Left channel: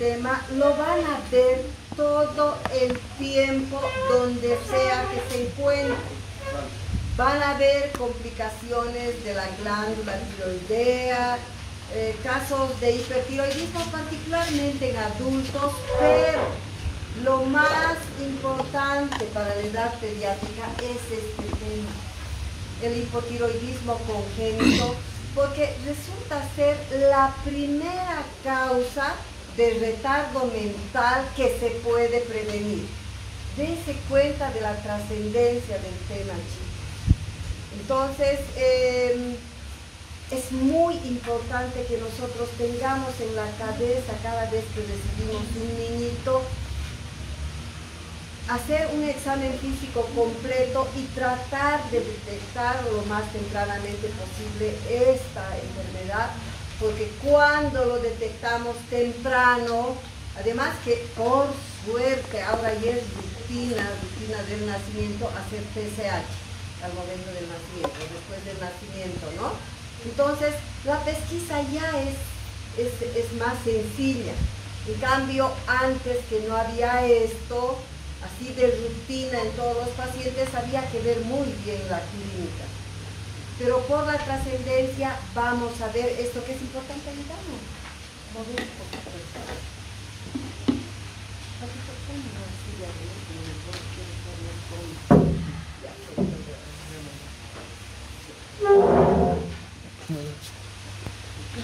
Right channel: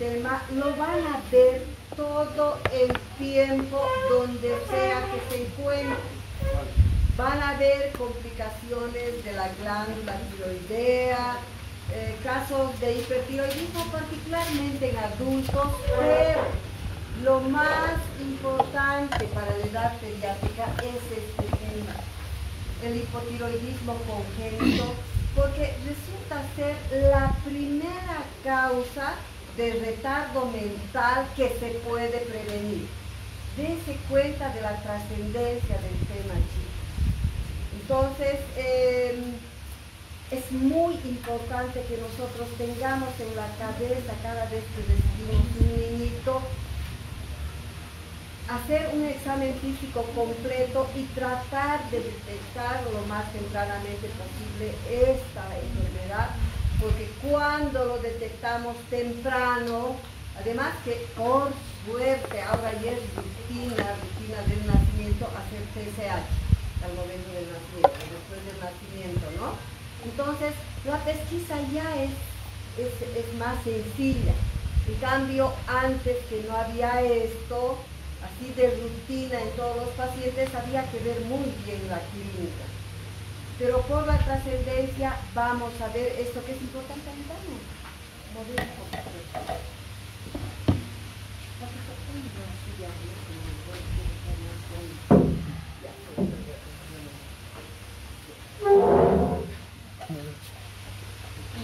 sistema lo van a ver todo el tiempo donde sea que se encuentren. Van a ver complicaciones de la glándula tiroidea, casos de hipertiroidismo particularmente en adultos, pero lo más importante para la edad pediátrica es este tema, el hipotiroidismo congénito, porque resulta ser la primera causa de retardo mental que se puede prevenir. Dese cuenta de la trascendencia del tema, chicos. Entonces, es muy importante que nosotros tengamos en la cabeza cada vez que recibimos un niñito, hacer un examen físico completo y tratar de detectar lo más tempranamente posible esta enfermedad, porque cuando lo detectamos temprano, además que por suerte ahora ya es rutina del nacimiento hacer TSH al momento del nacimiento, después del nacimiento, ¿no? Entonces, la pesquisa ya es más sencilla. En cambio, antes que no había esto, así de rutina en todos los pacientes, había que ver muy bien la clínica. Pero por la trascendencia vamos a ver esto que es importante ayudarnos.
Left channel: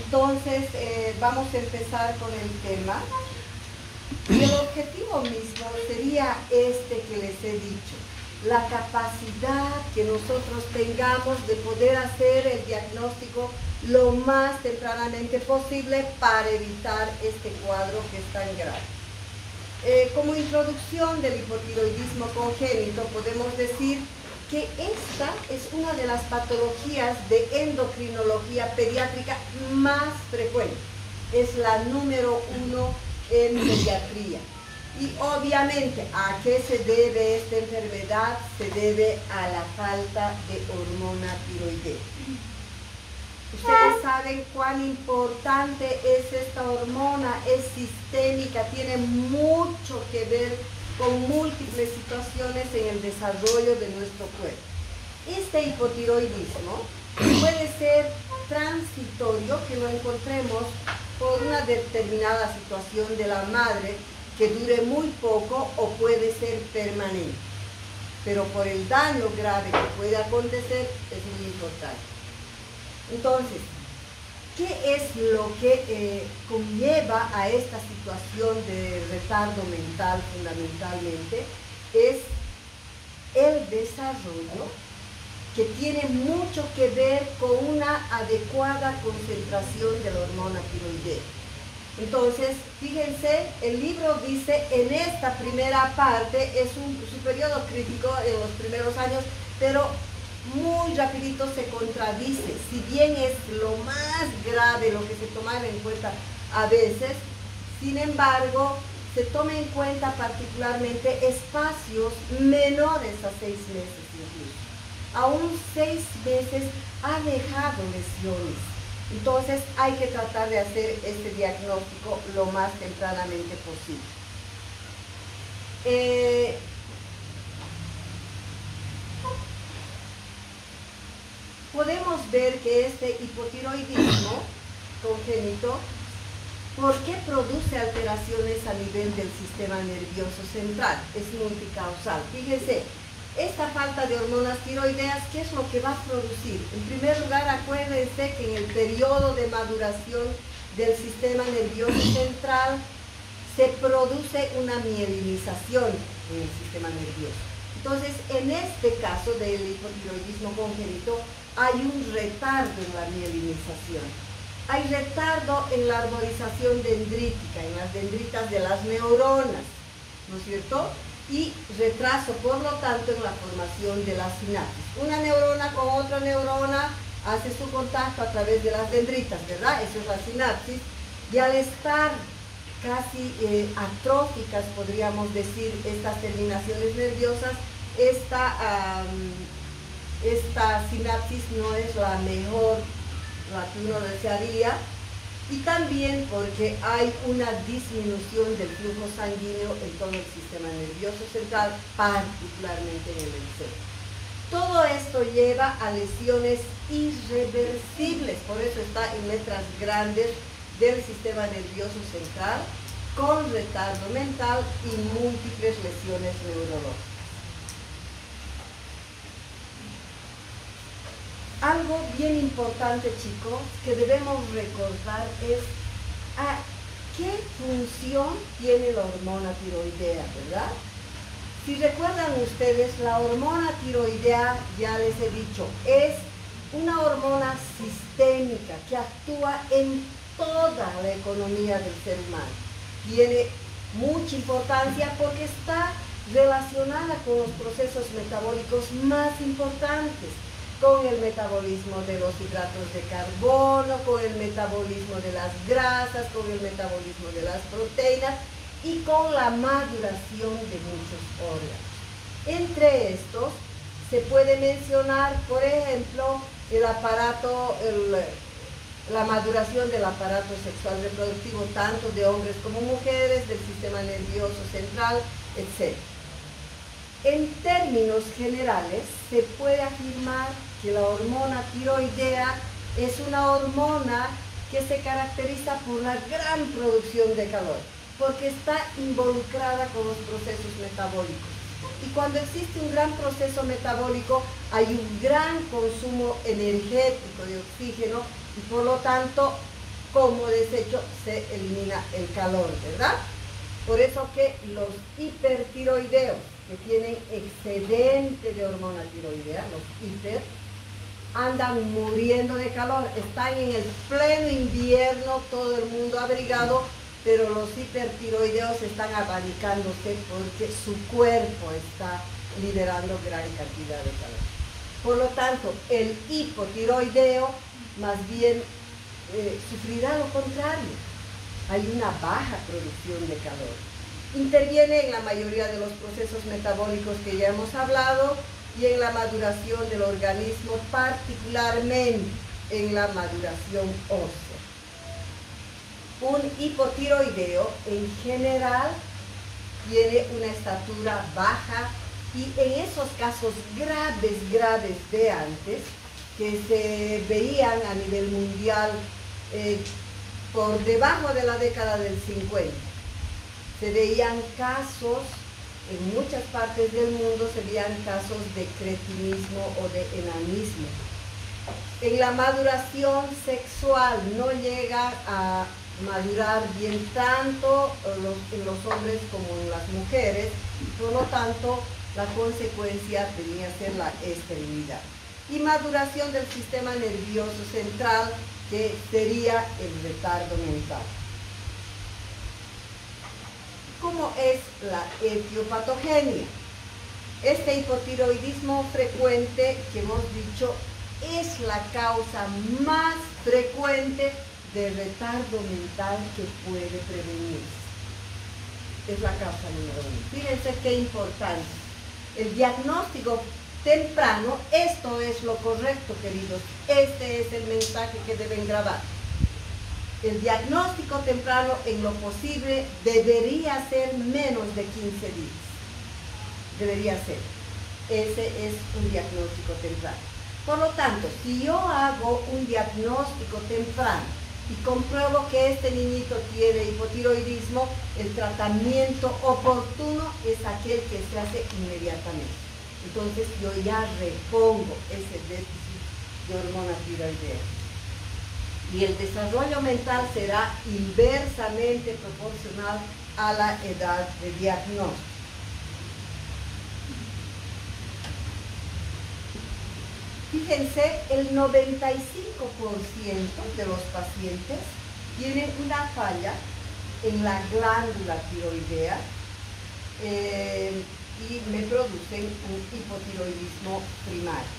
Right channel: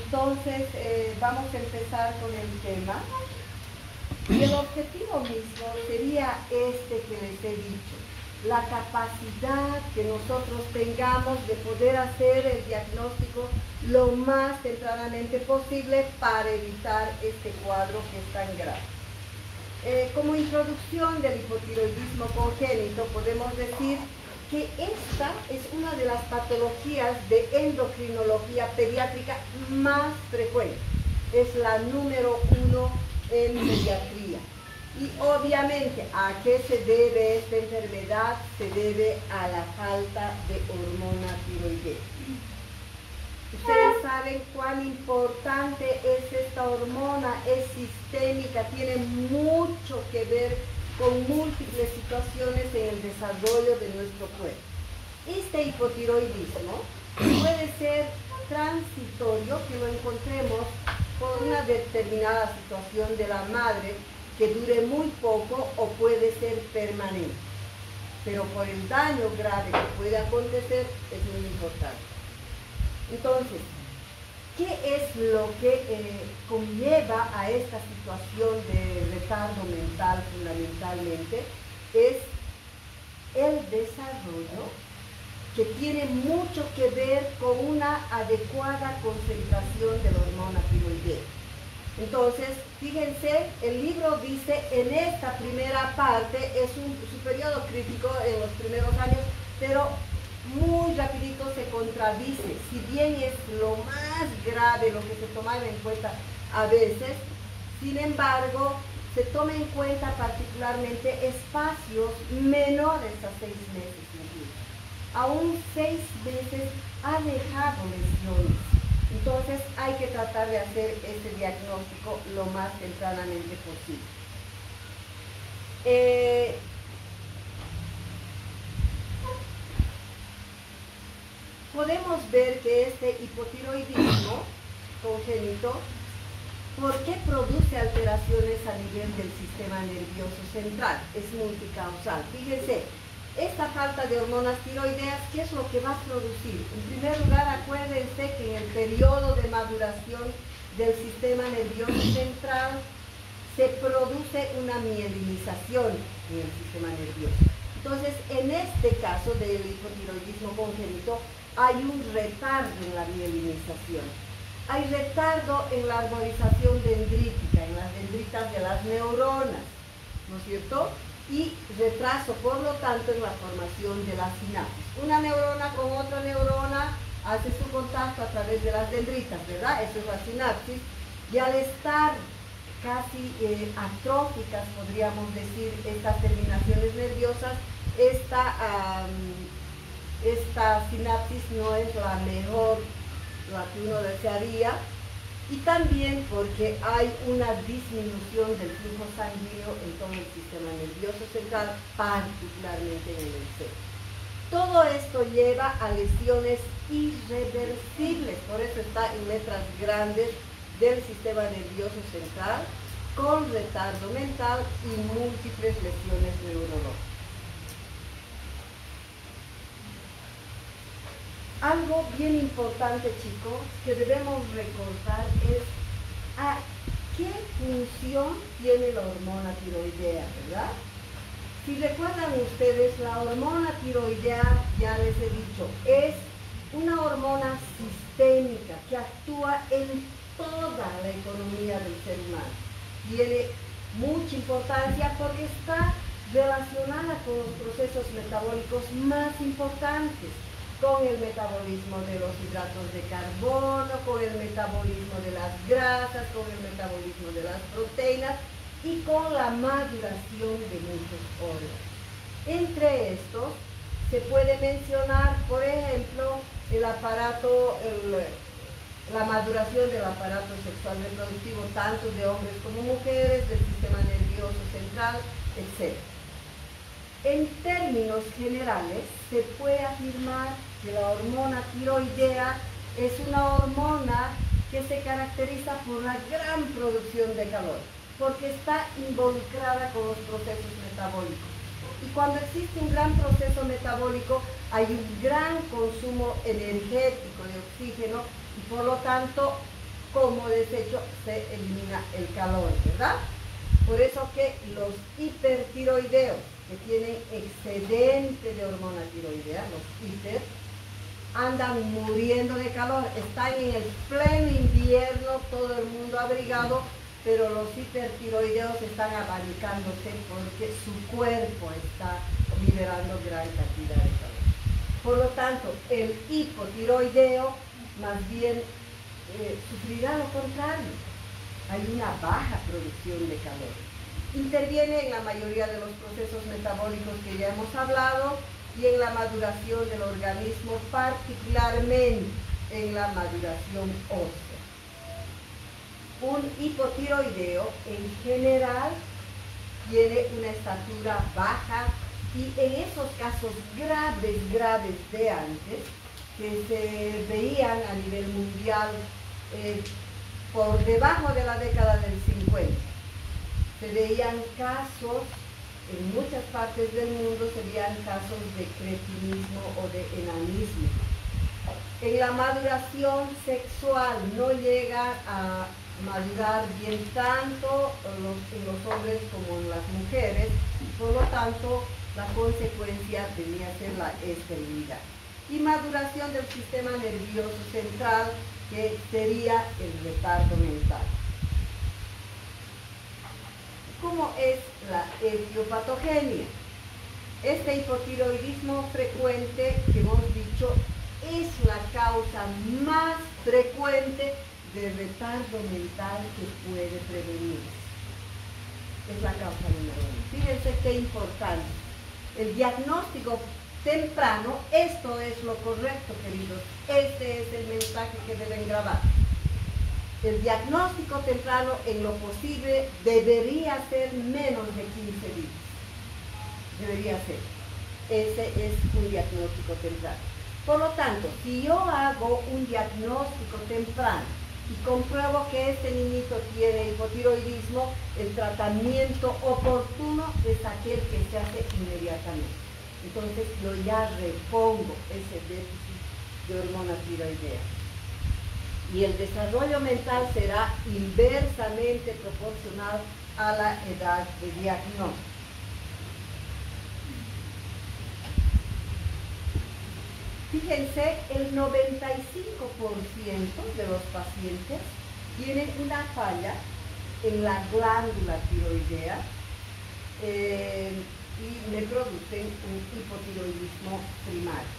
Entonces, vamos a empezar con el tema. Y el objetivo mismo sería este que les he dicho, la capacidad que nosotros tengamos de poder hacer el diagnóstico lo más tempranamente posible para evitar este cuadro que es tan grave. Como introducción del hipotiroidismo congénito, podemos decir que esta es una de las patologías de endocrinología pediátrica más frecuentes. Es la número 1 en pediatría. Y obviamente, ¿a qué se debe esta enfermedad? Se debe a la falta de hormona tiroidea. Ustedes saben cuán importante es esta hormona, es sistémica, tiene mucho que ver con múltiples situaciones en el desarrollo de nuestro cuerpo. Este hipotiroidismo puede ser transitorio, que lo encontremos por una determinada situación de la madre que dure muy poco, o puede ser permanente. Pero por el daño grave que puede acontecer es muy importante. Entonces, ¿qué es lo que conlleva a esta situación de retardo mental fundamentalmente? Es el desarrollo que tiene mucho que ver con una adecuada concentración de la hormona tiroidea. Entonces, fíjense, el libro dice, en esta primera parte, su periodo crítico en los primeros años, pero muy rapidito se contradice. Si bien es lo más grave lo que se toma en cuenta a veces, sin embargo, se toma en cuenta particularmente espacios menores a 6 meses incluso. Aún 6 meses ha dejado lesiones. Entonces hay que tratar de hacer este diagnóstico lo más tempranamente posible. Podemos ver que este hipotiroidismo congénito, ¿por qué produce alteraciones a nivel del sistema nervioso central? Es multicausal. Fíjense, esta falta de hormonas tiroideas, ¿qué es lo que va a producir? En primer lugar, acuérdense que en el periodo de maduración del sistema nervioso central se produce una mielinización en el sistema nervioso. Entonces, en este caso del hipotiroidismo congénito, hay un retardo en la mielinización. Hay retardo en la arborización dendrítica, en las dendritas de las neuronas, ¿no es cierto? Y retraso, por lo tanto, en la formación de las sinapsis. Una neurona con otra neurona hace su contacto a través de las dendritas, ¿verdad? Eso es la sinapsis. Y al estar casi atróficas, podríamos decir, estas terminaciones nerviosas, esta sinapsis no es la mejor, la que uno desearía, y también porque hay una disminución del flujo sanguíneo en todo el sistema nervioso central, particularmente en el cerebro. Todo esto lleva a lesiones irreversibles, por eso está en letras grandes, del sistema nervioso central, con retardo mental y múltiples lesiones neurológicas. Algo bien importante, chicos, que debemos recordar es a qué función tiene la hormona tiroidea, ¿verdad? Si recuerdan ustedes, la hormona tiroidea, ya les he dicho, es una hormona sistémica que actúa en toda la economía del ser humano. Tiene mucha importancia porque está relacionada con los procesos metabólicos más importantes, con el metabolismo de los hidratos de carbono, con el metabolismo de las grasas, con el metabolismo de las proteínas y con la maduración de muchos órganos. Entre estos se puede mencionar, por ejemplo, la maduración del aparato sexual reproductivo, tanto de hombres como mujeres, del sistema nervioso central, etc. En términos generales, se puede afirmar que la hormona tiroidea es una hormona que se caracteriza por una gran producción de calor, porque está involucrada con los procesos metabólicos. Y cuando existe un gran proceso metabólico, hay un gran consumo energético de oxígeno y por lo tanto, como desecho, se elimina el calor, ¿verdad? Por eso que los hipertiroideos, que tienen excedente de hormona tiroidea, los hiper, andan muriendo de calor, están en el pleno invierno, todo el mundo abrigado, pero los hipertiroideos están abanicándose porque su cuerpo está liberando gran cantidad de calor. Por lo tanto, el hipotiroideo más bien sufrirá lo contrario. Hay una baja producción de calor. Interviene en la mayoría de los procesos metabólicos que ya hemos hablado y en la maduración del organismo, particularmente en la maduración ósea. Un hipotiroideo en general tiene una estatura baja y en esos casos graves de antes, que se veían a nivel mundial por debajo de la década del 50, se veían casos, en muchas partes del mundo se veían casos de cretinismo o de enanismo. En la maduración sexual no llega a madurar bien tanto en los hombres como en las mujeres, por lo tanto la consecuencia tenía que ser la esterilidad. Y maduración del sistema nervioso central, que sería el retardo mental. ¿Cómo es la etiopatogenia? Este hipotiroidismo frecuente, que hemos dicho, es la causa más frecuente de retardo mental que puede prevenirse. Es la causa número 1. Fíjense qué importante. El diagnóstico temprano, esto es lo correcto, queridos. Este es el mensaje que deben grabar. El diagnóstico temprano, en lo posible, debería ser menos de 15 días. Debería ser. Ese es un diagnóstico temprano. Por lo tanto, si yo hago un diagnóstico temprano y compruebo que este niñito tiene hipotiroidismo, el tratamiento oportuno es aquel que se hace inmediatamente. Entonces yo ya repongo ese déficit de hormona tiroidea. Y el desarrollo mental será inversamente proporcional a la edad de diagnóstico. Fíjense, el 95% de los pacientes tienen una falla en la glándula tiroidea y me producen un hipotiroidismo primario.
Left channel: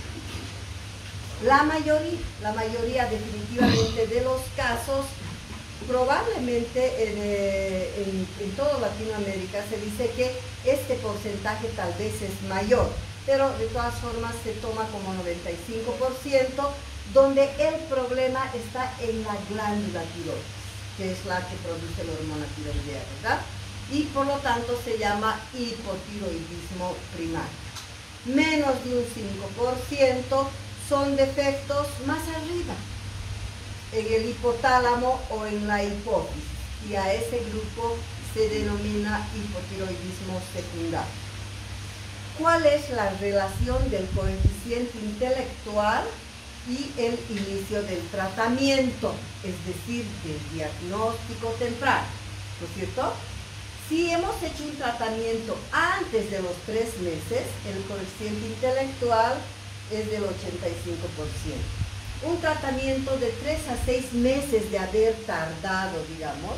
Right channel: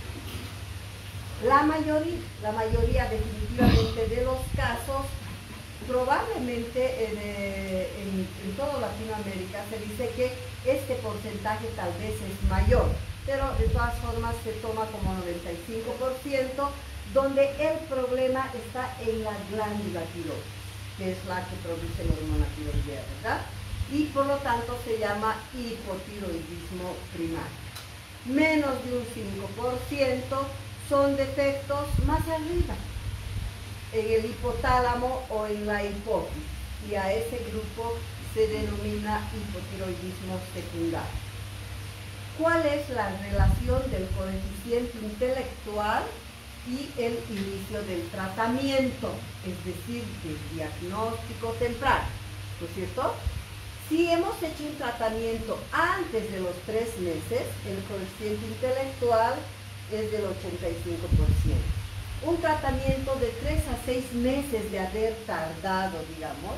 La mayoría definitivamente de los casos, probablemente en toda Latinoamérica se dice que este porcentaje tal vez es mayor, pero de todas formas se toma como 95%, donde el problema está en la glándula tiroides. que es la que produce la hormona tiroidea, ¿verdad? Y por lo tanto se llama hipotiroidismo primario. Menos de un 5% son defectos más arriba, en el hipotálamo o en la hipófisis, y a ese grupo se denomina hipotiroidismo secundario. ¿Cuál es la relación del coeficiente intelectual y el inicio del tratamiento, es decir, del diagnóstico temprano? ¿No es cierto? Si hemos hecho un tratamiento antes de los 3 meses, el coeficiente intelectual es del 85%. Un tratamiento de 3 a 6 meses de haber tardado, digamos,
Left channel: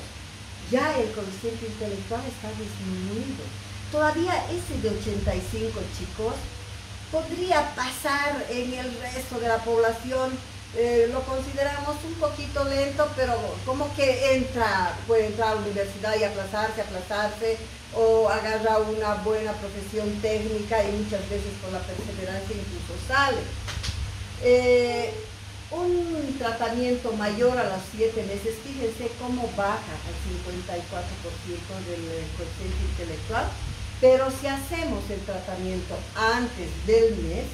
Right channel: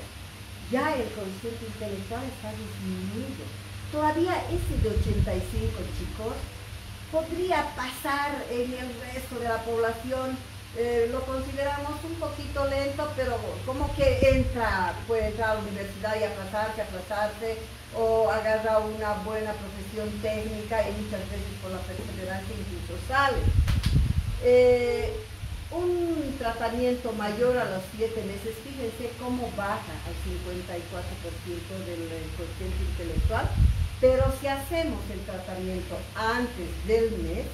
ya el coeficiente intelectual está disminuido. Todavía ese de 85, chicos, podría pasar en el resto de la población. Lo consideramos un poquito lento, pero como que puede entrar a la universidad y aplazarse, o agarrar una buena profesión técnica y muchas veces con la perseverancia incluso sale. Un tratamiento mayor a los 7 meses, fíjense cómo baja el 54% del coeficiente intelectual, pero si hacemos el tratamiento antes del mes,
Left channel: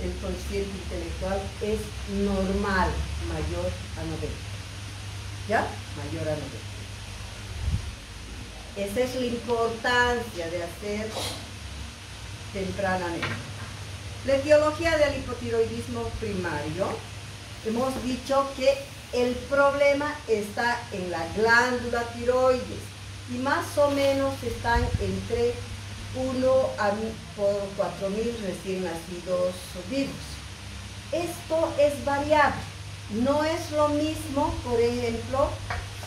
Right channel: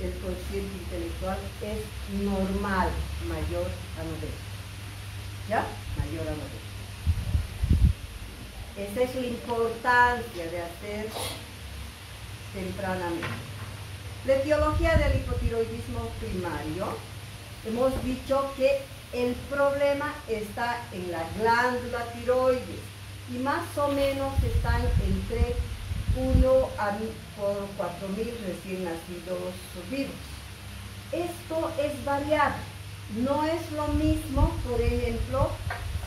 el coeficiente intelectual es normal, mayor a 90. ¿Ya? Mayor a 90. Esa es la importancia de hacer tempranamente. La etiología del hipotiroidismo primario, hemos dicho que el problema está en la glándula tiroides y más o menos están entre 1 por 4.000 recién nacidos vivos. Esto es variable, no es lo mismo, por ejemplo,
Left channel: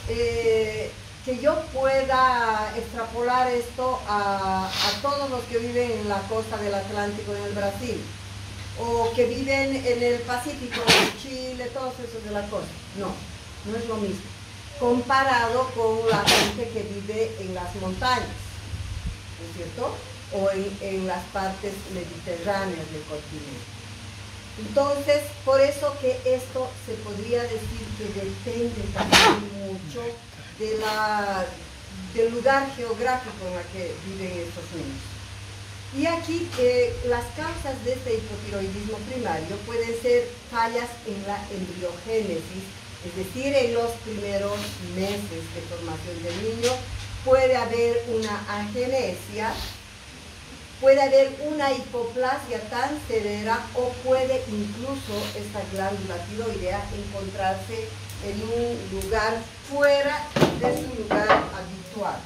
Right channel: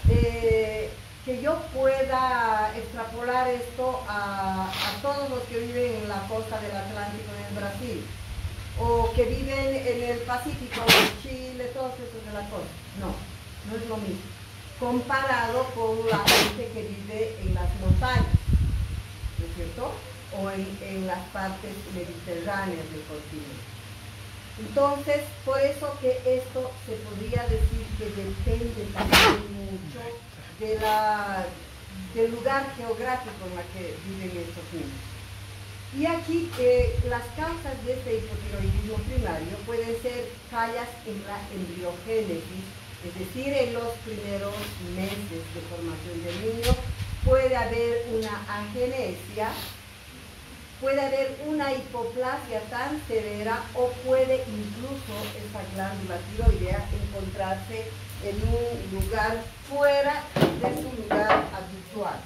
que yo pueda extrapolar esto a todos los que viven en la costa del Atlántico en el Brasil, o que viven en el Pacífico, en Chile, todos esos de la costa. No, no es lo mismo, comparado con la gente que vive en las montañas, ¿no es cierto? O en las partes mediterráneas del continente. Entonces, por eso que esto se podría decir que depende también mucho del lugar geográfico en el que viven estos niños. Y aquí las causas de este hipotiroidismo primario pueden ser fallas en la embriogénesis, es decir, en los primeros meses de formación del niño. Puede haber una agenesia, puede haber una hipoplasia tan severa, o puede incluso esta glándula tiroidea encontrarse en un lugar fuera de su lugar habitual.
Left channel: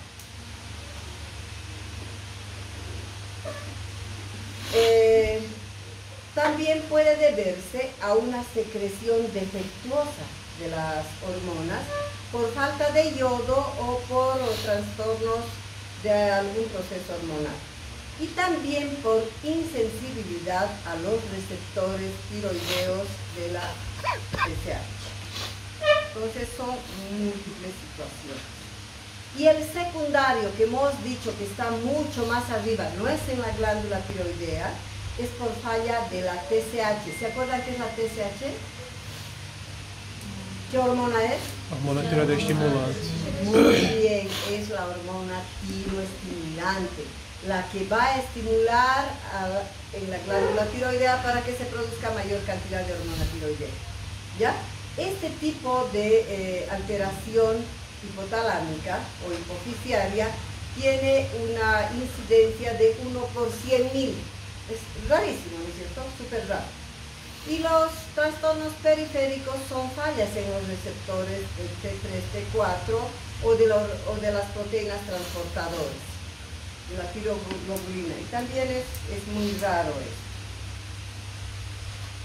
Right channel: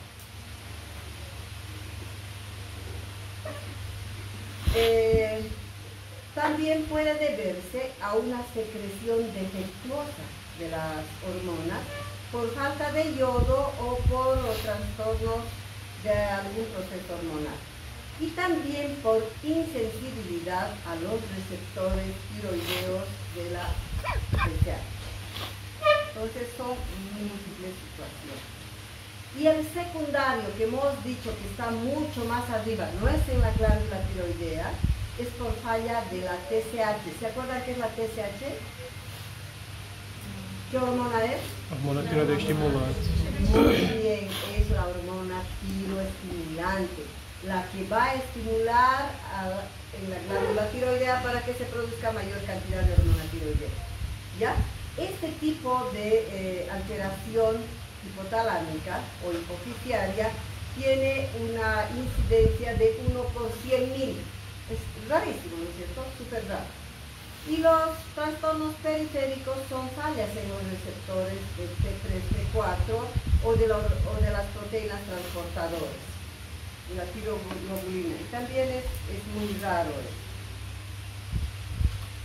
También puede deberse a una secreción defectuosa de las hormonas por falta de yodo o por trastornos de algún proceso hormonal. Y también por insensibilidad a los receptores tiroideos de la TSH. Entonces son múltiples situaciones. Y el secundario, que hemos dicho que está mucho más arriba, no es en la glándula tiroidea, es por falla de la TSH. ¿Se acuerdan qué es la TSH? ¿Qué hormona es? Hormona tiroidea estimulante. Muy bien, es la hormona tiroestimulante, la que va a estimular en la glándula tiroidea para que se produzca mayor cantidad de hormona tiroidea. ¿Ya? Este tipo de alteración hipotalámica o hipofisiaria tiene una incidencia de 1 por 100.000. Es rarísimo, ¿no es cierto? Súper raro. Y los trastornos periféricos son fallas en los receptores del T3, T4 o de las proteínas transportadoras, de la tiroglobulina. Y también es muy raro esto.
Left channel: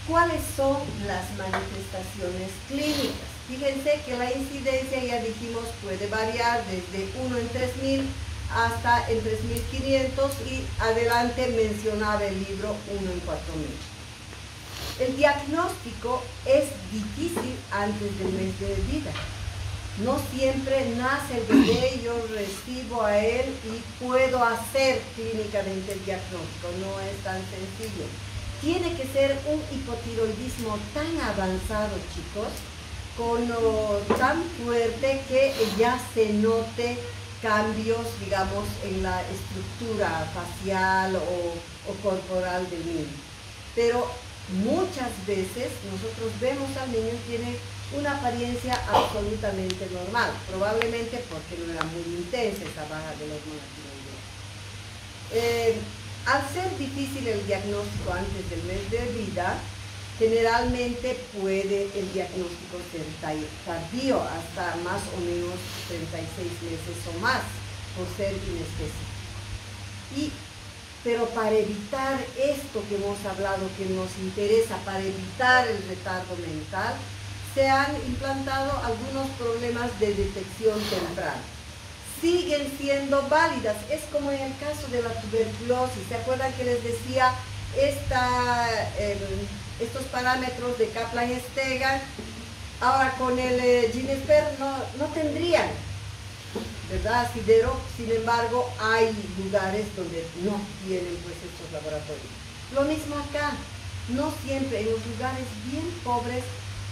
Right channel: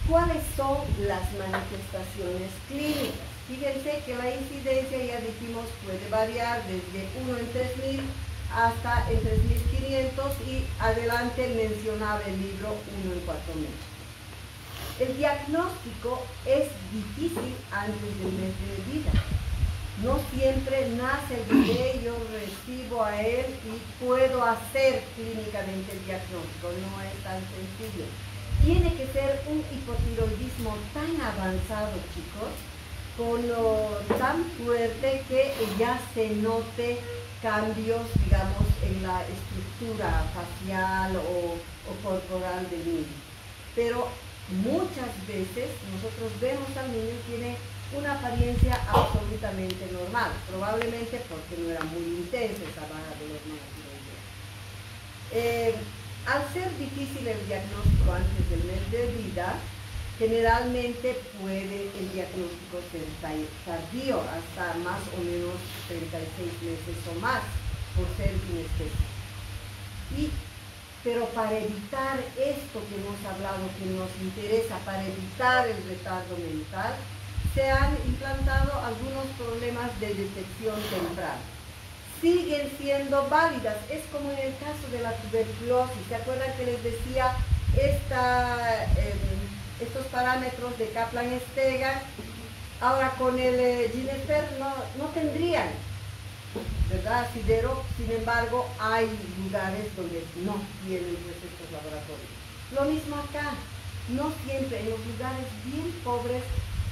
¿Cuáles son las manifestaciones clínicas? Fíjense que la incidencia, ya dijimos, puede variar desde 1 en 3.000 hasta en 3.500 y adelante mencionaba el libro 1 en 4.000. El diagnóstico es difícil antes del mes de vida. No siempre nace el bebé, yo recibo a él y puedo hacer clínicamente el diagnóstico, no es tan sencillo. Tiene que ser un hipotiroidismo tan avanzado, chicos, tan fuerte que ya se note cambios, digamos, en la estructura facial o corporal del niño. Pero muchas veces nosotros vemos al niño y tiene una apariencia absolutamente normal, probablemente porque no era muy intensa esa baja de la hormona tiroidea. Al ser difícil el diagnóstico antes del mes de vida, generalmente puede el diagnóstico ser tardío, hasta más o menos 36 meses o más, por ser inespecífico. Pero para evitar esto que hemos hablado, que nos interesa, para evitar el retardo mental, se han implantado algunos programas de detección temprana. Siguen siendo válidas, es como en el caso de la tuberculosis. ¿Se acuerdan que les decía estos parámetros de Kaplan-Steger? Ahora con el Ginesper no tendrían, ¿verdad? Asidero. Sin embargo, hay lugares donde no tienen pues estos laboratorios. Lo mismo acá, no siempre, en los lugares bien pobres,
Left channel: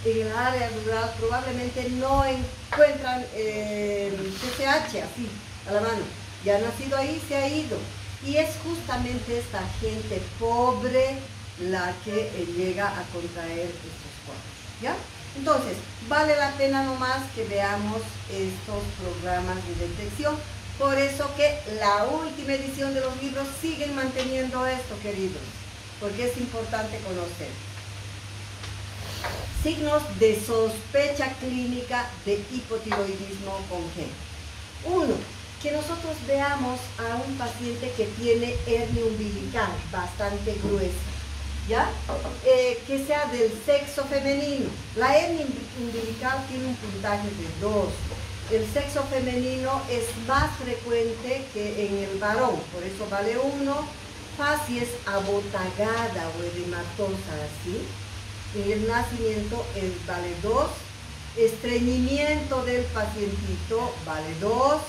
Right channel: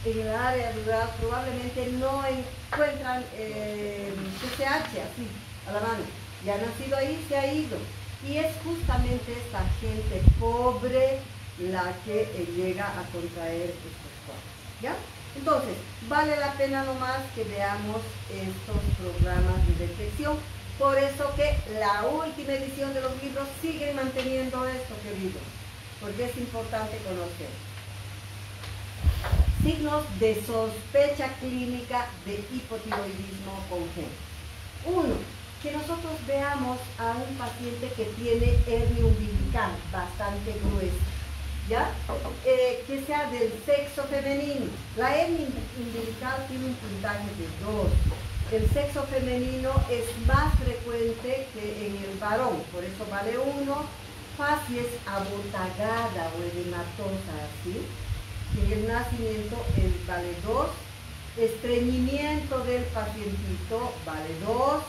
en el área rural, probablemente no encuentran TSH así, a la mano. Ya ha nacido ahí, se ha ido. Y es justamente esta gente pobre la que llega a contraer estos cuadros, ¿ya? Entonces, vale la pena nomás que veamos estos programas de detección. Por eso que la última edición de los libros siguen manteniendo esto, queridos, porque es importante conocer. Signos de sospecha clínica de hipotiroidismo congénito. Uno, que nosotros veamos a un paciente que tiene hernia umbilical bastante gruesa, ¿ya? Que sea del sexo femenino. La hernia umbilical tiene un puntaje de 2. El sexo femenino es más frecuente que en el varón, por eso vale 1. Facies abotagada o edematosa así. En el nacimiento vale 2. Estreñimiento del pacientito vale 2.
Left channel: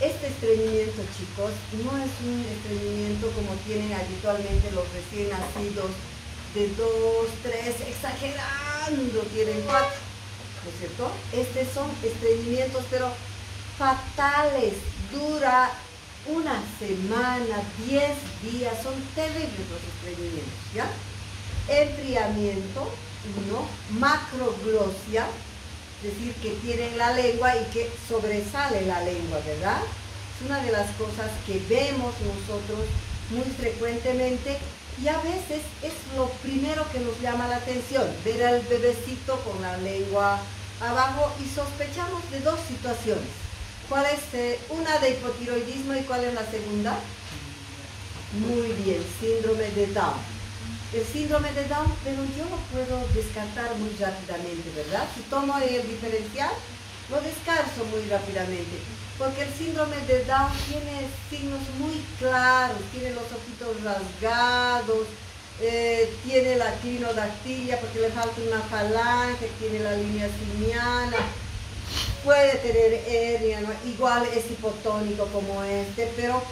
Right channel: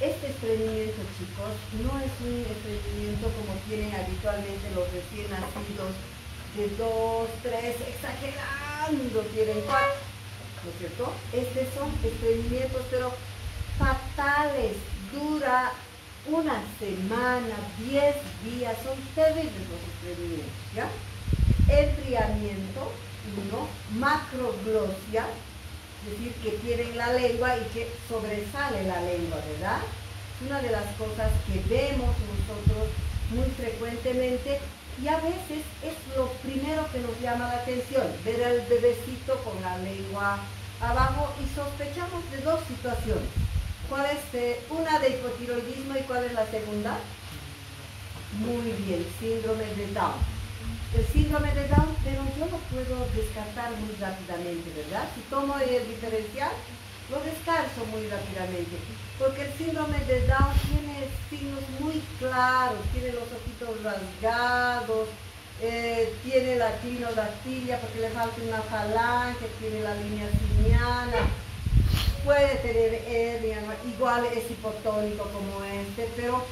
Este estreñimiento, chicos, no es un estreñimiento como tienen habitualmente los recién nacidos, de 2, 3, exagerando, tienen 4, ¿no es cierto? Estos son estreñimientos, pero fatales, dura una semana, 10 días, son terribles los estreñimientos, ¿ya? Enfriamiento, 1, macroglosia, es decir, que tienen la lengua y que sobresale la lengua, ¿verdad? Es una de las cosas que vemos nosotros muy frecuentemente y a veces es lo primero que nos llama la atención, ver al bebecito con la lengua abajo y sospechamos de 2 situaciones. ¿Cuál es una de hipotiroidismo y cuál es la segunda? Muy bien, síndrome de Down. El síndrome de Down, pero yo lo puedo descartar muy rápidamente, ¿verdad? Si tomo el diferencial, lo descarto muy rápidamente, porque el síndrome de Down tiene signos muy claros, tiene los ojitos rasgados, tiene la clinodactilia porque le falta una falange, tiene la línea simiana, puede tener hernia, ¿no? Igual es hipotónico como este, pero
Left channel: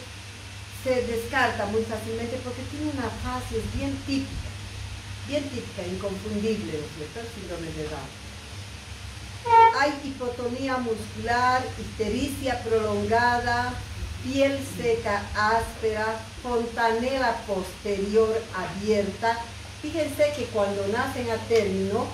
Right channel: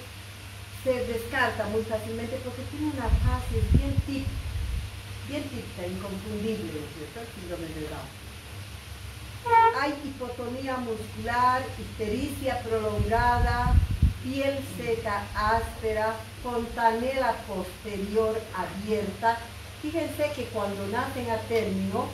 se descarta muy fácilmente porque tiene una fase bien típica, inconfundible, ¿no es cierto? El síndrome de Down. Hay hipotonía muscular, ictericia prolongada, piel seca áspera, fontanela posterior abierta. Fíjense que cuando nacen a término,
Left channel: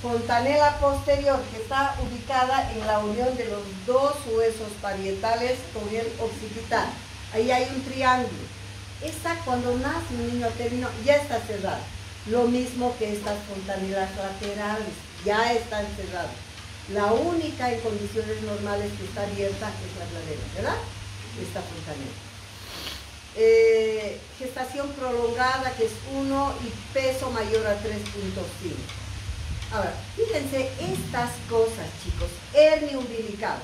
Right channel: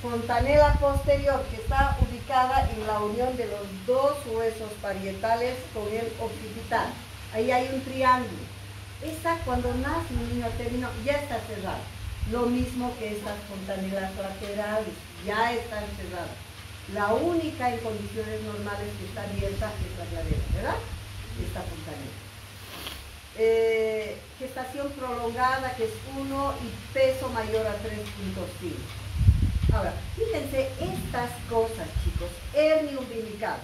fontanela posterior, que está ubicada en la unión de los 2 huesos parietales con el occipital. Ahí hay un triángulo. Esta, cuando nace un niño a término, ya está cerrada. Lo mismo que estas fontanelas laterales, ya están cerradas. La única en condiciones normales que está abierta es la cadera, ¿verdad? Esta fontanela. Gestación prolongada, que es 1, y peso mayor a 3.5. Ahora, fíjense estas cosas, chicos. Hernia umbilical,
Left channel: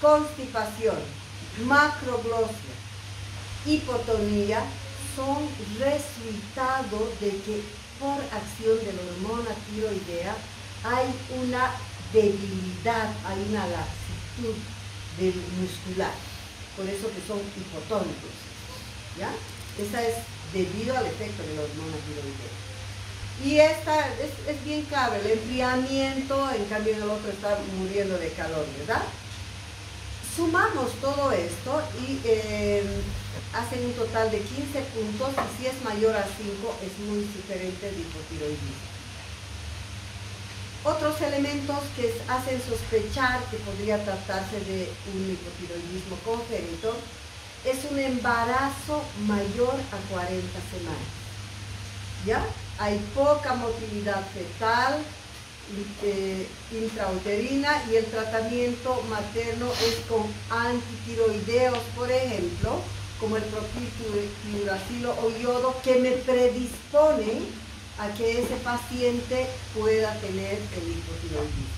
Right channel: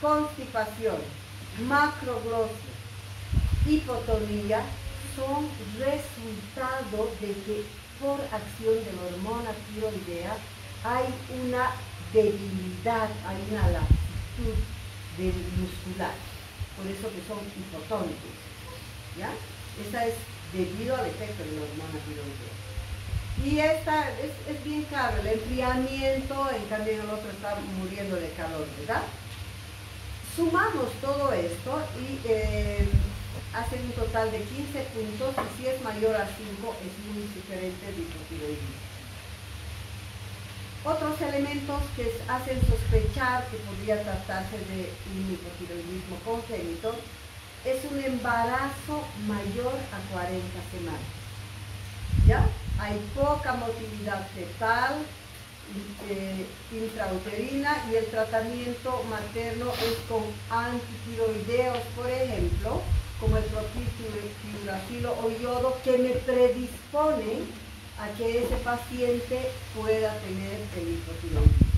constipación, macroglosia, hipotonía, son resultado de que por acción de la hormona tiroidea hay una debilidad, hay una laxitud muscular, por eso que son hipotónicos, ¿ya? Esa es debido al efecto de la hormona tiroidea. Y esta es bien clave, el enfriamiento, en cambio en el otro está muriendo de calor, ¿verdad? Sumamos todo esto y hacen un total de 15 puntos, y si es mayor a 5 es muy sugerente de hipotiroidismo. Otros elementos que hacen sospechar que podría tratarse de un hipotiroidismo congénito es un embarazo mayor a 40 semanas. ¿Ya? Hay poca motilidad fetal, intrauterina, y el tratamiento materno es con antitiroideos, por ejemplo, como el propilfluoracilo o yodo, que me predisponen a que ese paciente pueda tener el hipotiroidismo.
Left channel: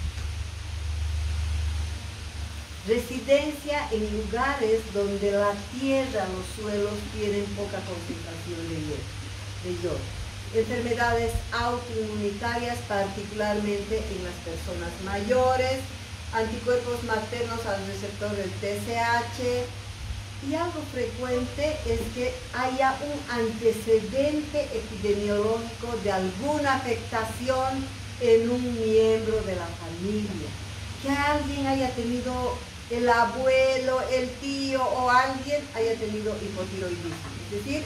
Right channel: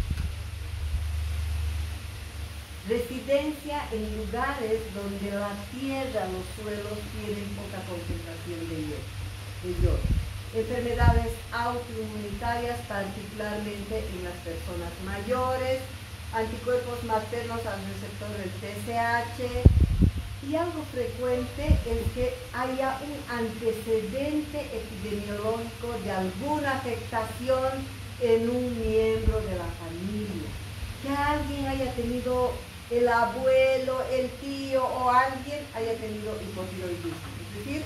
Residencia en lugares donde la tierra, los suelos tienen poca concentración de yodo. Enfermedades autoinmunitarias, particularmente en las personas mayores, anticuerpos maternos al receptor del TSH, y algo frecuente es que haya un antecedente epidemiológico de alguna afectación en un miembro de la familia. Que alguien haya tenido, el abuelo, el tío o alguien haya tenido hipotiroidismo, es decir,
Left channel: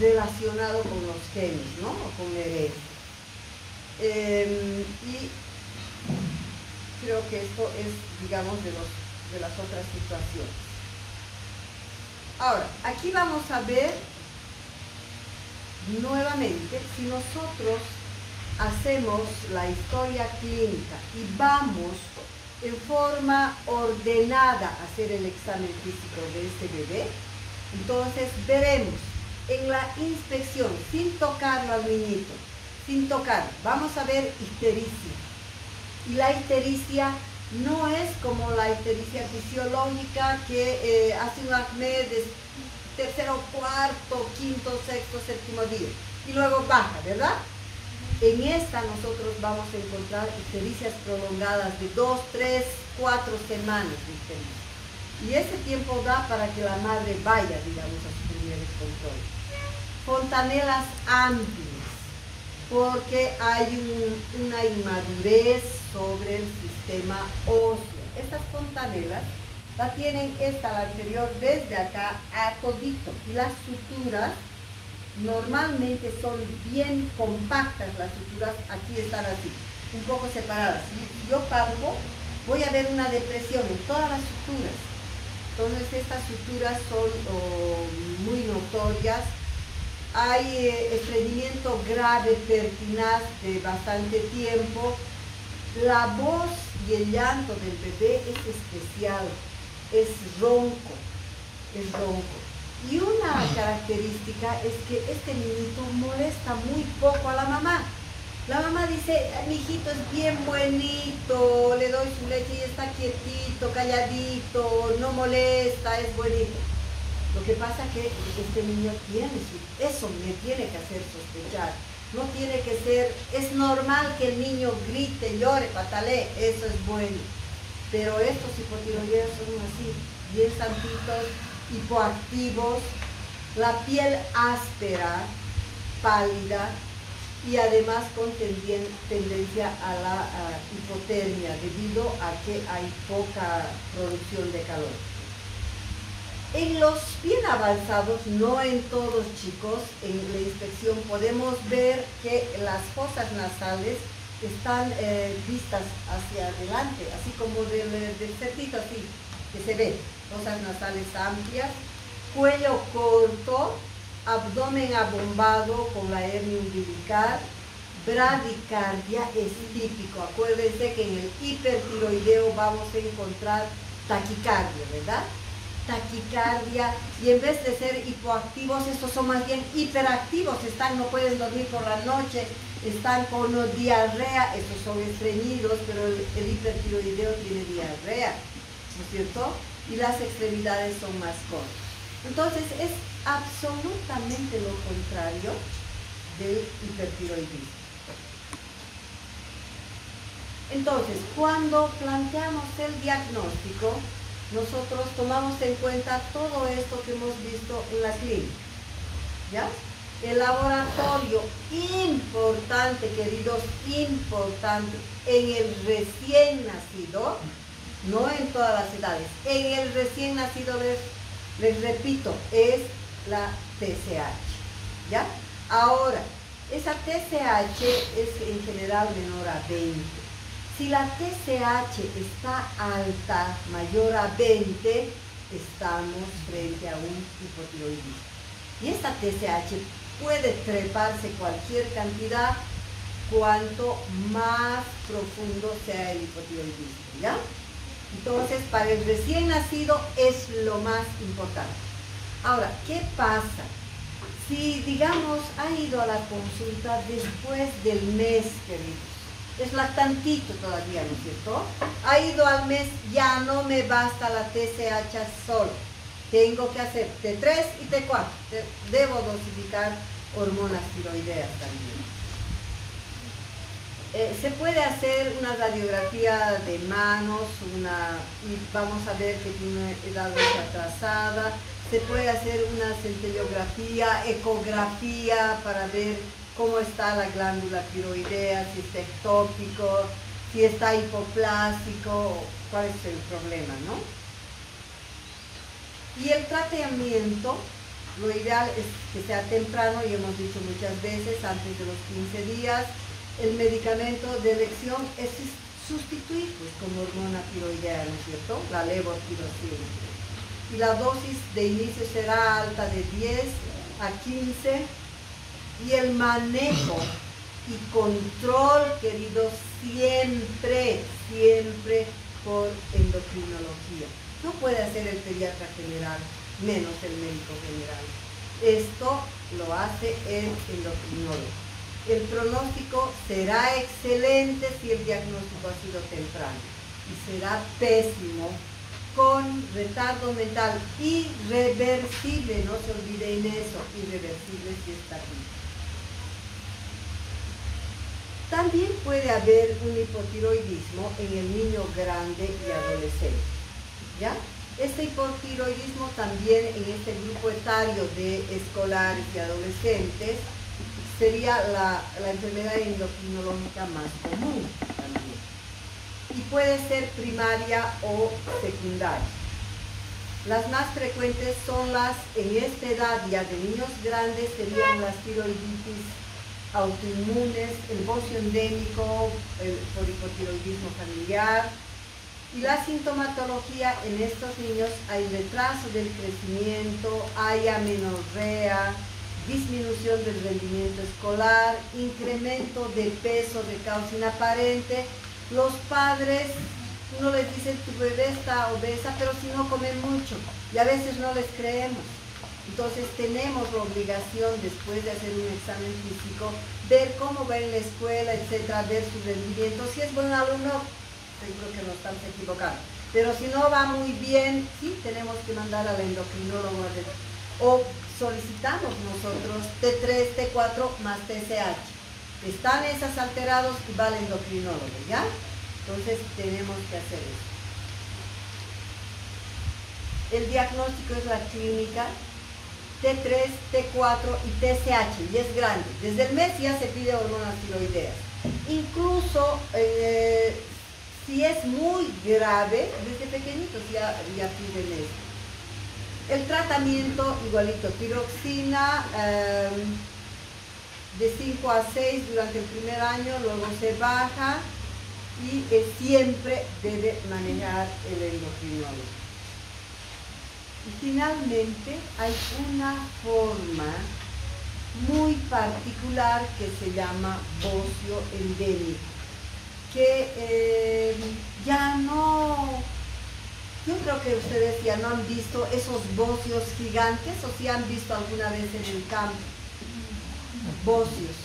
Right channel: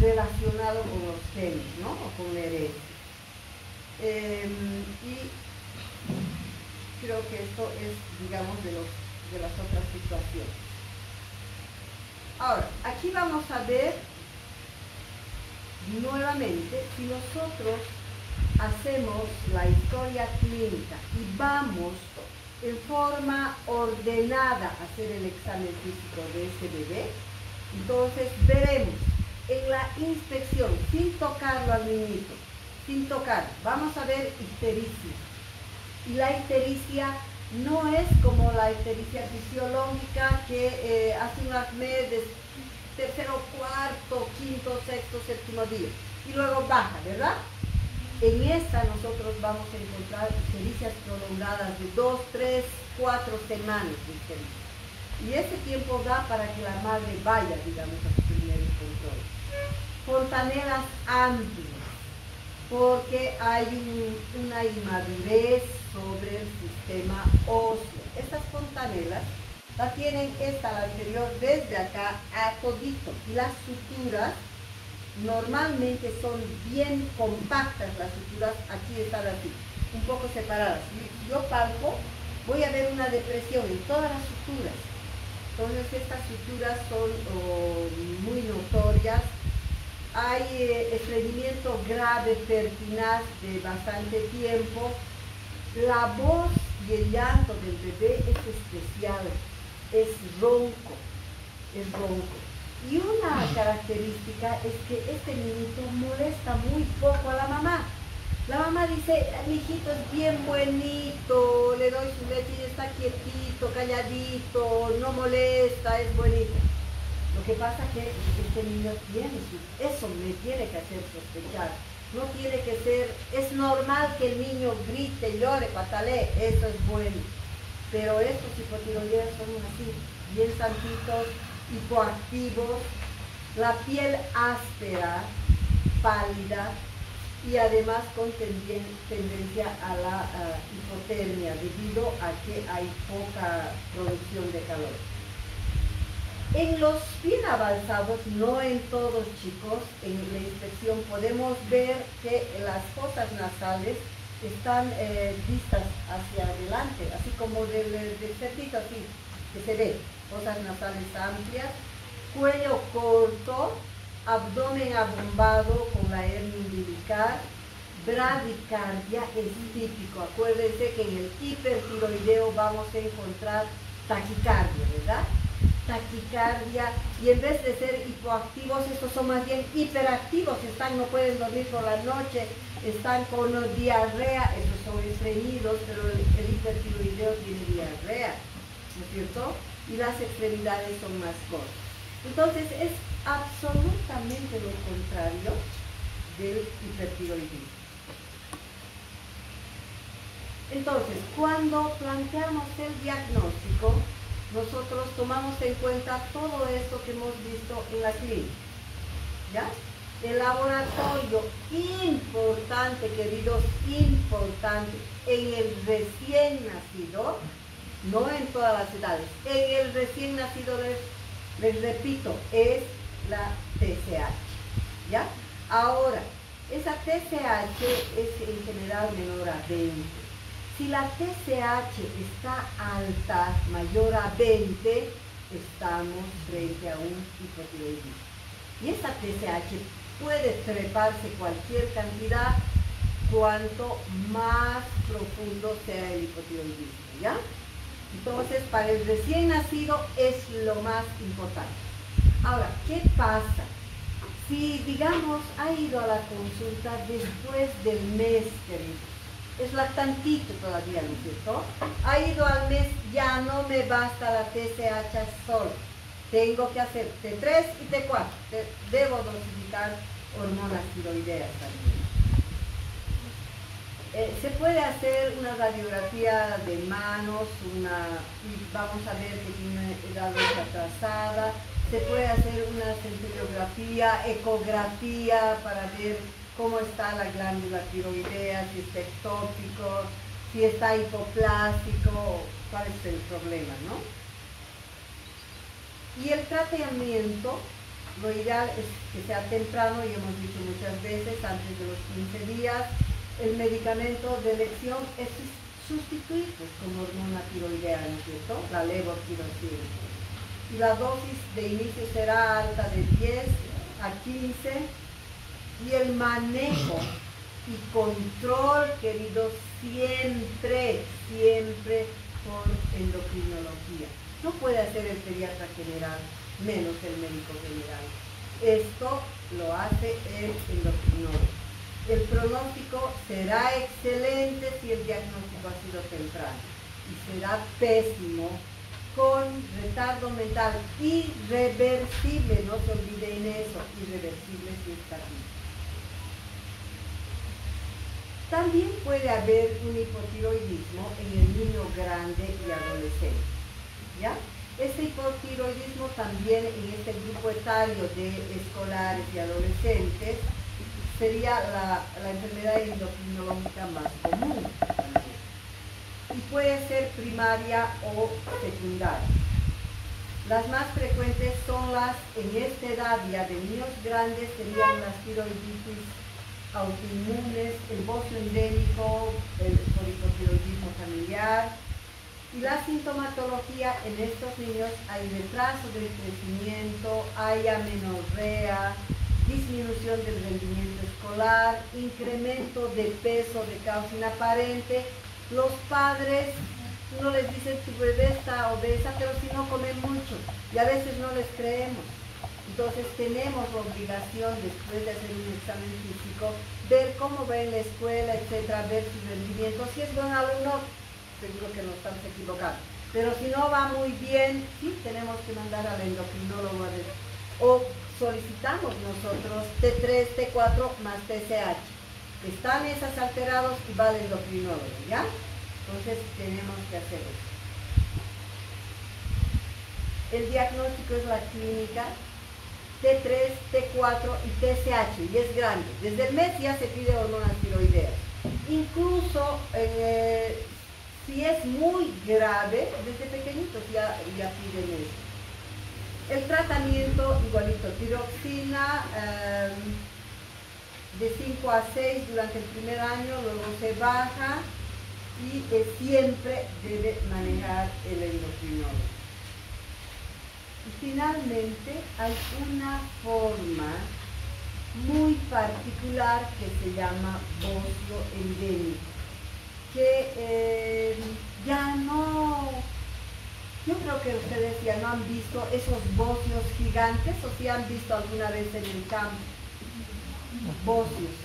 relacionado con los genes, ¿no? O con la herencia. Y creo que esto es, digamos, de las otras situaciones. Ahora, aquí vamos a ver nuevamente si nosotros hacemos la historia clínica y vamos en forma ordenada a hacer el examen físico de ese bebé, entonces veremos en la inspección, sin tocarlo al niñito, sin tocar, vamos a ver ictericia. Y la ictericia no es como la ictericia fisiológica que hace un acné de tercero, cuarto, quinto, sexto, séptimo día y luego baja, ¿verdad? En esta nosotros vamos a encontrar ictericias prolongadas de 2, 3, 4 semanas de ictericia. Y ese tiempo da para que la madre vaya, digamos, a sus primeros controles. Fontanelas amplias, porque hay una inmadurez sobre el sistema óseo. Estas fontanelas la tienen esta, la anterior, desde acá a todito. Y las suturas normalmente son bien compactas, las suturas aquí están así, un poco separadas. Si yo palpo, voy a ver una depresión en todas las suturas. Entonces estas suturas son muy notorias. Hay estreñimiento grave, pertinaz de bastante tiempo. La voz y el llanto del bebé es especial, es ronco, es ronco. Y una característica es que este niñito molesta muy poco a la mamá. La mamá dice, mi hijito es bien buenito, le doy su leche y está quietito, calladito, no molesta, es bonito. Lo que pasa es que este niño eso me tiene que hacer sospechar. No tiene que ser, es normal que el niño grite, llore, patalee, eso es bueno. Pero estos hipotiroideos son así, bien santitos, hipoactivos, la piel áspera, pálida y además con tendencia a la hipotermia debido a que hay poca producción de calor. En los bien avanzados, no en todos chicos, en la inspección podemos ver que las fosas nasales están vistas hacia adelante, así como del cerdito así, que se ve, fosas nasales amplias, cuello corto, abdomen abombado con la hernia umbilical, bradicardia es típico. Acuérdense que en el hipertiroideo vamos a encontrar taquicardia, ¿verdad? Taquicardia, y en vez de ser hipoactivos, estos son más bien hiperactivos, no pueden dormir por la noche, están con diarrea, estos son estreñidos, pero el hipertiroideo tiene diarrea, ¿no es cierto? Y las extremidades son más cortas. Entonces es absolutamente lo contrario del hipertiroidismo. Entonces, cuando planteamos el diagnóstico, nosotros tomamos en cuenta todo esto que hemos visto en la clínica, ¿ya? El laboratorio importante, queridos, importante, en el recién nacido, no en todas las edades, en el recién nacido, les repito, es la TSH, ¿ya? Ahora, esa TSH es en general menor a 20. Si la TSH está alta, mayor a 20, estamos frente a un hipotiroidismo. Y esta TSH puede treparse cualquier cantidad cuanto más profundo sea el hipotiroidismo, ¿ya? Entonces, para el recién nacido es lo más importante. Ahora, ¿qué pasa? Si, digamos, ha ido a la consulta después del mes, queridos, es lactantito todavía, ¿no es cierto? Ha ido al mes, ya no me basta la TSH solo. Tengo que hacer T3 y T4. Debo dosificar hormonas tiroideas también. Se puede hacer una radiografía de manos, y vamos a ver que tiene edad atrasada. Se puede hacer una centellografía, ecografía para ver cómo está la glándula tiroidea, si está ectópico, si está hipoplásico, cuál es el problema, ¿no? Y el tratamiento, lo ideal es que sea temprano, y hemos dicho muchas veces, antes de los 15 días. El medicamento de elección es sustituir pues, con hormona tiroidea, ¿no es cierto? La levotiroxina. Y la dosis de inicio será alta de 10 a 15. Y el manejo y control, queridos, siempre por endocrinología. No puede hacer el pediatra general, menos el médico general. Esto lo hace el endocrinólogo. El pronóstico será excelente si el diagnóstico ha sido temprano y será pésimo con retardo mental irreversible, no se olviden eso, irreversible si está aquí. También puede haber un hipotiroidismo en el niño grande y adolescente, ¿ya? Este hipotiroidismo también en este grupo etario de escolares y adolescentes sería la enfermedad endocrinológica más común también. Y puede ser primaria o secundaria. Las más frecuentes son las, en esta edad ya de niños grandes, serían las tiroiditis autoinmunes, el bocio endémico, el hipotiroidismo familiar. Y la sintomatología en estos niños, hay retraso del crecimiento, hay amenorrea, disminución del rendimiento escolar, incremento de peso de causa inaparente. Los padres, uno les dice tu bebé está obesa, pero si no come mucho, y a veces no les creemos. Entonces tenemos la obligación, después de hacer un examen físico, ver cómo va en la escuela, etcétera, ver su rendimiento. Si es buen alumno, seguro que no están equivocados. Pero si no va muy bien, sí tenemos que mandar al endocrinólogo o solicitamos nosotros T3, T4 más TSH. Están esas alterados y va al endocrinólogo, ¿ya? Entonces tenemos que hacer eso. El diagnóstico es la clínica, T3, T4 y TSH, y es grande. Desde el mes ya se pide hormonas tiroideas. Incluso si es muy grave, desde pequeñitos ya piden esto. El tratamiento, igualito, tiroxina de 5 a 6 durante el primer año, luego se baja y siempre debe manejar el endocrinólogo. Y finalmente hay una forma muy particular que se llama bocio endémico, que ya no, yo creo que ustedes ya no han visto esos bocios gigantes, o si han visto alguna vez en el campo, bocios,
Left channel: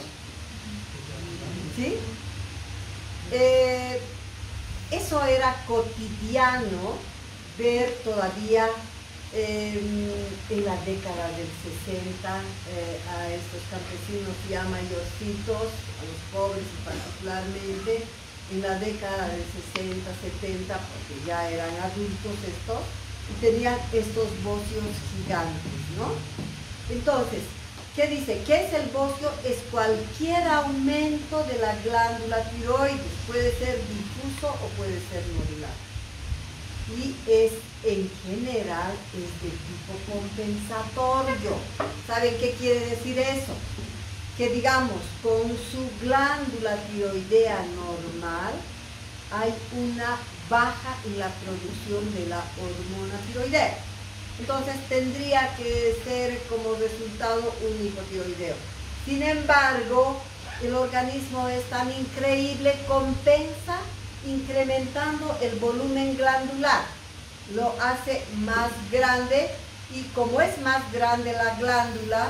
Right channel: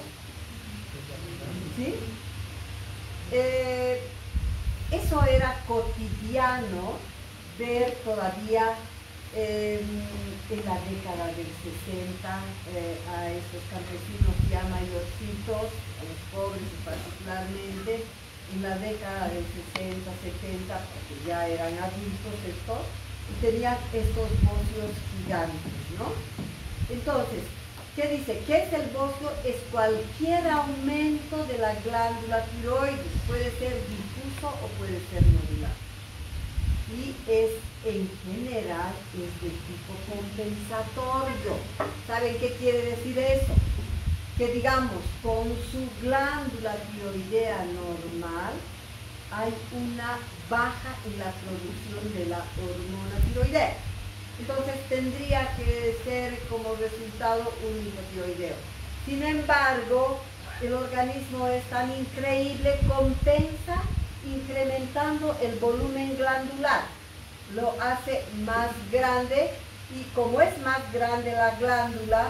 ¿sí? Eso era cotidiano ver todavía en la década del 60 a estos campesinos ya mayorcitos, a los pobres particularmente, en la década del 60, 70, porque ya eran adultos estos, y tenían estos bocios gigantes, ¿no? Entonces, ¿Qué dice? ¿Qué es el bocio? Es cualquier aumento de la glándula tiroides. Puede ser difuso o puede ser nodular. Y es, en general, es de tipo compensatorio. ¿Saben qué quiere decir eso? Que digamos, con su glándula tiroidea normal, hay una baja en la producción de la hormona tiroidea. Entonces tendría que ser como resultado un hipotiroideo. Sin embargo, el organismo es tan increíble, compensa incrementando el volumen glandular. Lo hace más grande y como es más grande la glándula,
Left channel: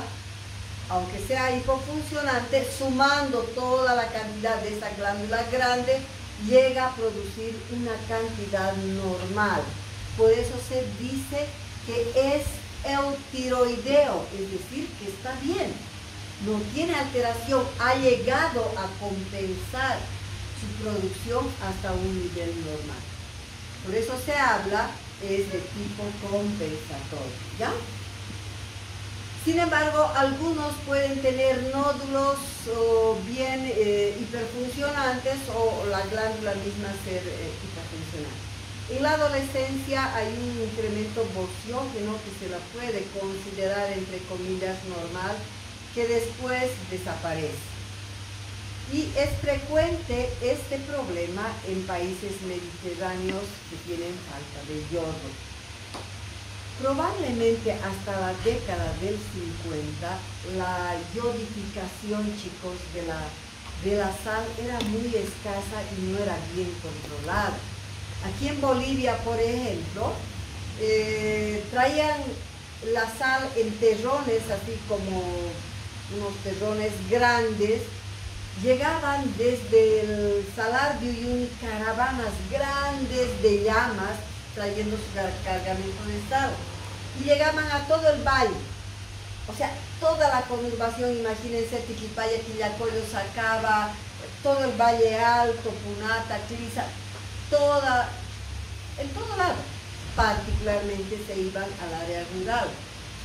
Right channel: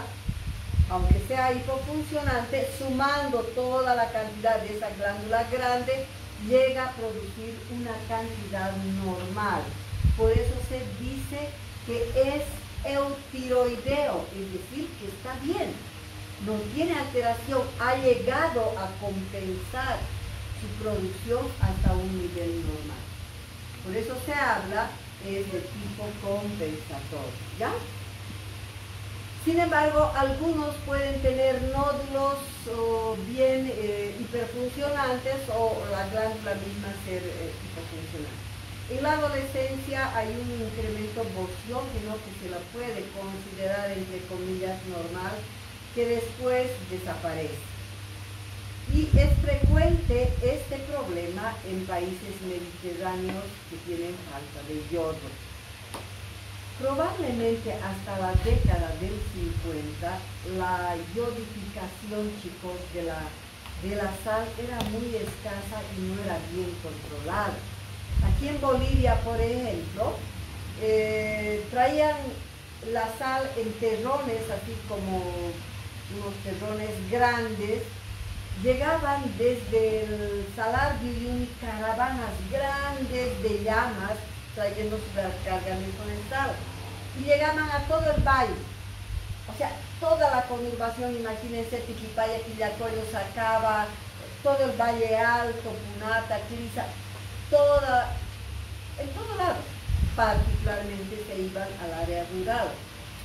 aunque sea hipofuncionante, sumando toda la cantidad de esa glándula grande, llega a producir una cantidad normal. Por eso se dice que es eutiroideo, es decir, que está bien, no tiene alteración, ha llegado a compensar su producción hasta un nivel normal. Por eso se habla, es de tipo compensatorio, ¿ya? Sin embargo, algunos pueden tener nódulos o bien hiperfuncionantes o la glándula misma ser hiperfuncionante. En la adolescencia hay un incremento bociógeno que se la puede considerar entre comillas normal, que después desaparece. Y es frecuente este problema en países mediterráneos que tienen falta de yodo. Probablemente hasta la década del 50, la yodificación, chicos, de la sal era muy escasa y no era bien controlada. Aquí en Bolivia, por ejemplo, traían la sal en terrones, así como unos terrones grandes. Llegaban desde el Salar de Uyuni caravanas grandes de llamas trayendo su cargamento de sal. Y llegaban a todo el valle. O sea, toda la conurbación, imagínense, Tiquipaya, Quillacollo, Sacaba, todo el Valle Alto, Punata, Clisa, en todo lado, particularmente se iban al área rural.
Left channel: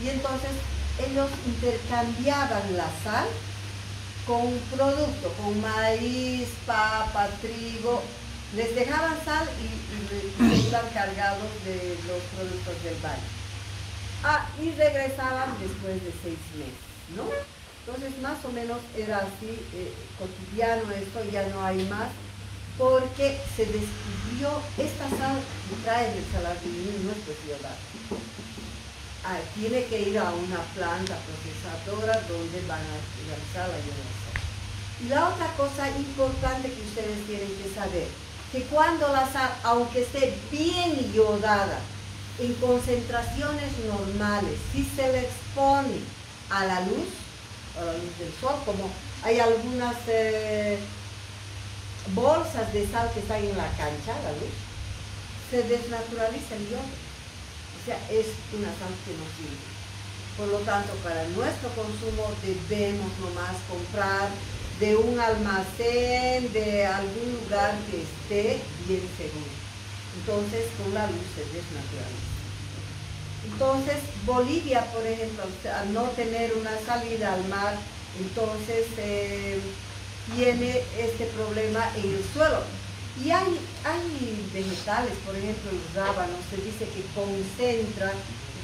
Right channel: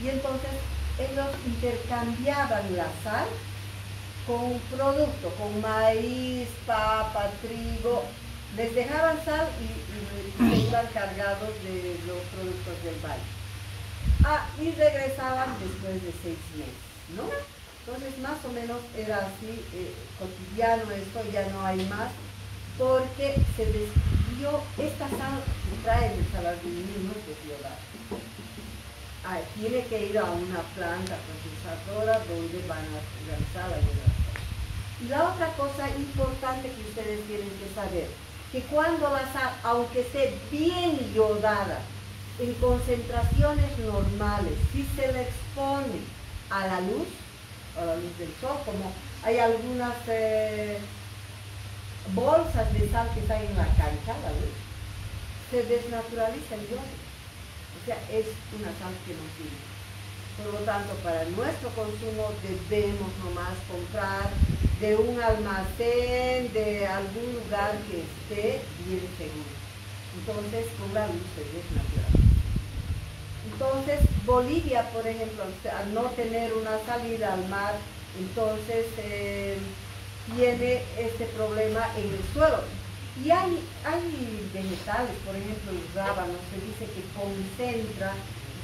Y entonces ellos intercambiaban la sal con producto, con maíz, papa, trigo, les dejaban sal y se iban cargados de los productos del valle. Y regresaban después de 6 meses, ¿no? Entonces más o menos era así, cotidiano esto, ya no hay más, porque se descubrió esta sal que trae el Salar de Uyuni, no es yodada. Tiene que ir a una planta procesadora donde van a realizar la yodación. Y la otra cosa importante que ustedes tienen que saber, que cuando la sal, aunque esté bien yodada, en concentraciones normales, si se le expone a la luz del sol, como hay algunas bolsas de sal que están en la cancha, la luz, se desnaturaliza el yodo. O sea, es una sal que no sirve. Por lo tanto, para nuestro consumo debemos nomás comprar de un almacén, de algún lugar que esté bien seguro. Entonces, con la luz se desnaturaliza. Entonces, Bolivia, por ejemplo, al no tener una salida al mar, entonces tiene este problema en el suelo. Y hay vegetales, por ejemplo, el rábano, se dice que concentra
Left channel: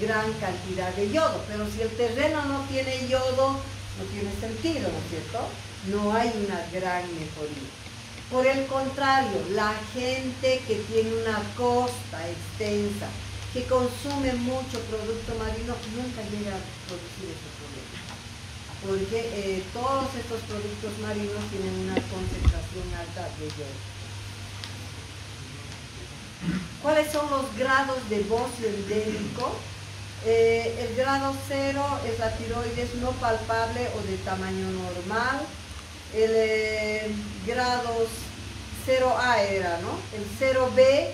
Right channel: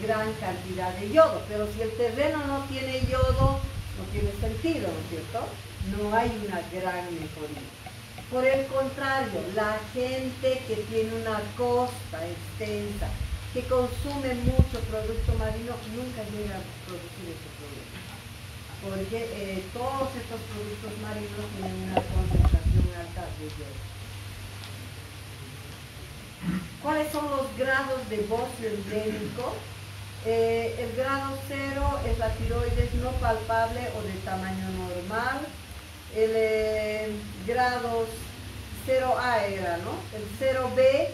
gran cantidad de yodo, pero si el terreno no tiene yodo, no tiene sentido, ¿no es cierto? No hay una gran mejoría. Por el contrario, la gente que tiene una costa extensa, que consume mucho producto marino, nunca llega a producir este problema. Porque todos estos productos marinos tienen una concentración alta de yodo. ¿Cuáles son los grados de bocio endémico? El grado 0 es la tiroides no palpable o de tamaño normal. El grado 0A era, ¿no? El 0B,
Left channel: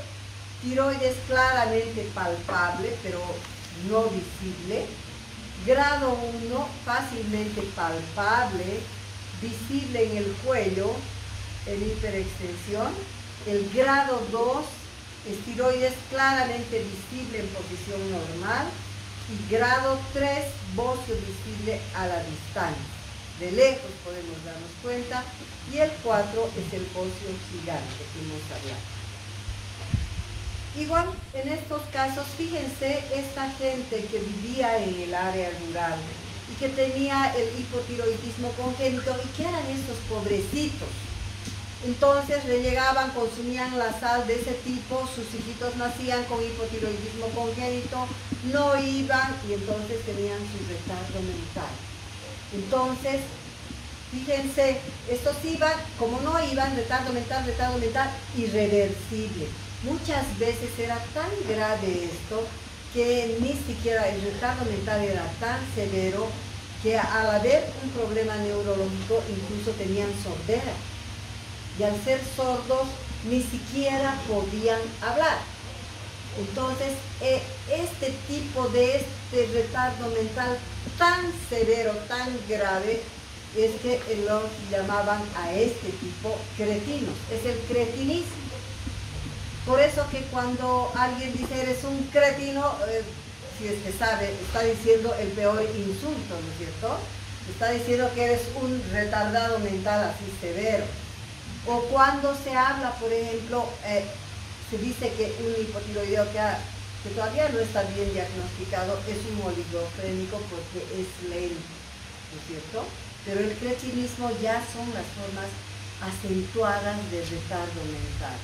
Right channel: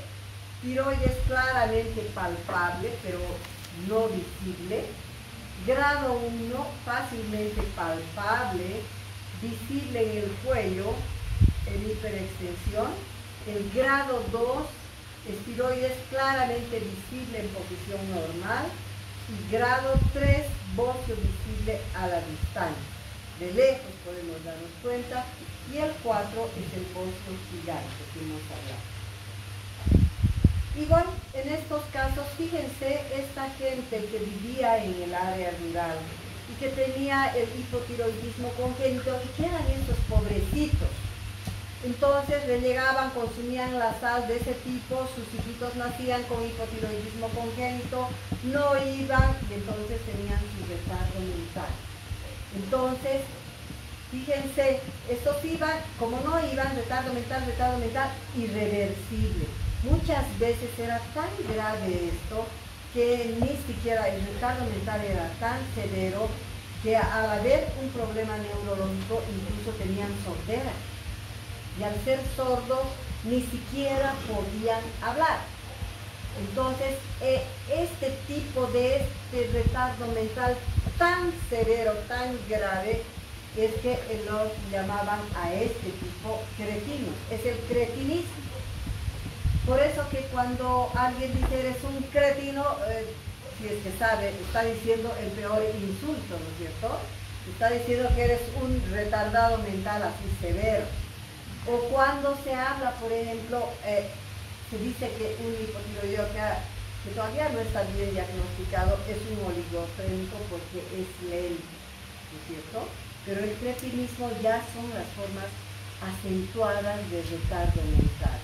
tiroides claramente palpable, pero no visible. Grado 1, fácilmente palpable, visible en el cuello, en hiperextensión. El grado 2, tiroides claramente visible en posición normal. Y grado 3, bocio visible a la distancia. De lejos podemos darnos cuenta. Y el 4 es el bocio gigante que hemos hablado. Igual, en estos casos, fíjense, esta gente que vivía en el área rural y que tenía el hipotiroidismo congénito, y que eran estos pobrecitos. Entonces le llegaban, consumían la sal de ese tipo, sus hijitos nacían con hipotiroidismo congénito, no iban y entonces tenían su retardo mental. Entonces, fíjense, estos iban, como no iban, retardo mental, irreversible. Muchas veces era tan grave esto que ni siquiera el retardo mental era tan severo que al haber un problema neurológico incluso tenían sordera. Y al ser sordos ni siquiera podían hablar. Entonces, este tipo de retardo mental tan severo, tan grave, es que los llamaban a este tipo cretinos. Es el cretinismo. Por eso que cuando alguien dice eres un cretino, si es que sabe, está diciendo el peor insulto, ¿no es cierto? Está diciendo que eres un retardado mental así severo. O cuando se habla, por ejemplo, se dice que un hipotiroideo que todavía no está bien diagnosticado es un oligofrénico porque es lento, ¿no es cierto? Pero el cretinismo ya son las formas acentuadas de retardo mental.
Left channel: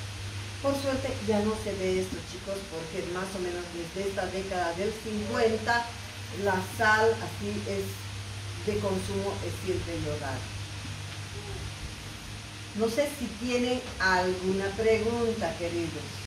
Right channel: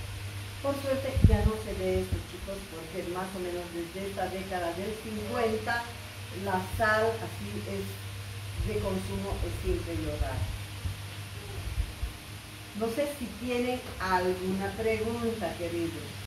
Por suerte ya no se ve esto, chicos, porque más o menos desde esta década del 50 la sal así es de consumo, es siempre iodada. No sé si tienen alguna pregunta, queridos.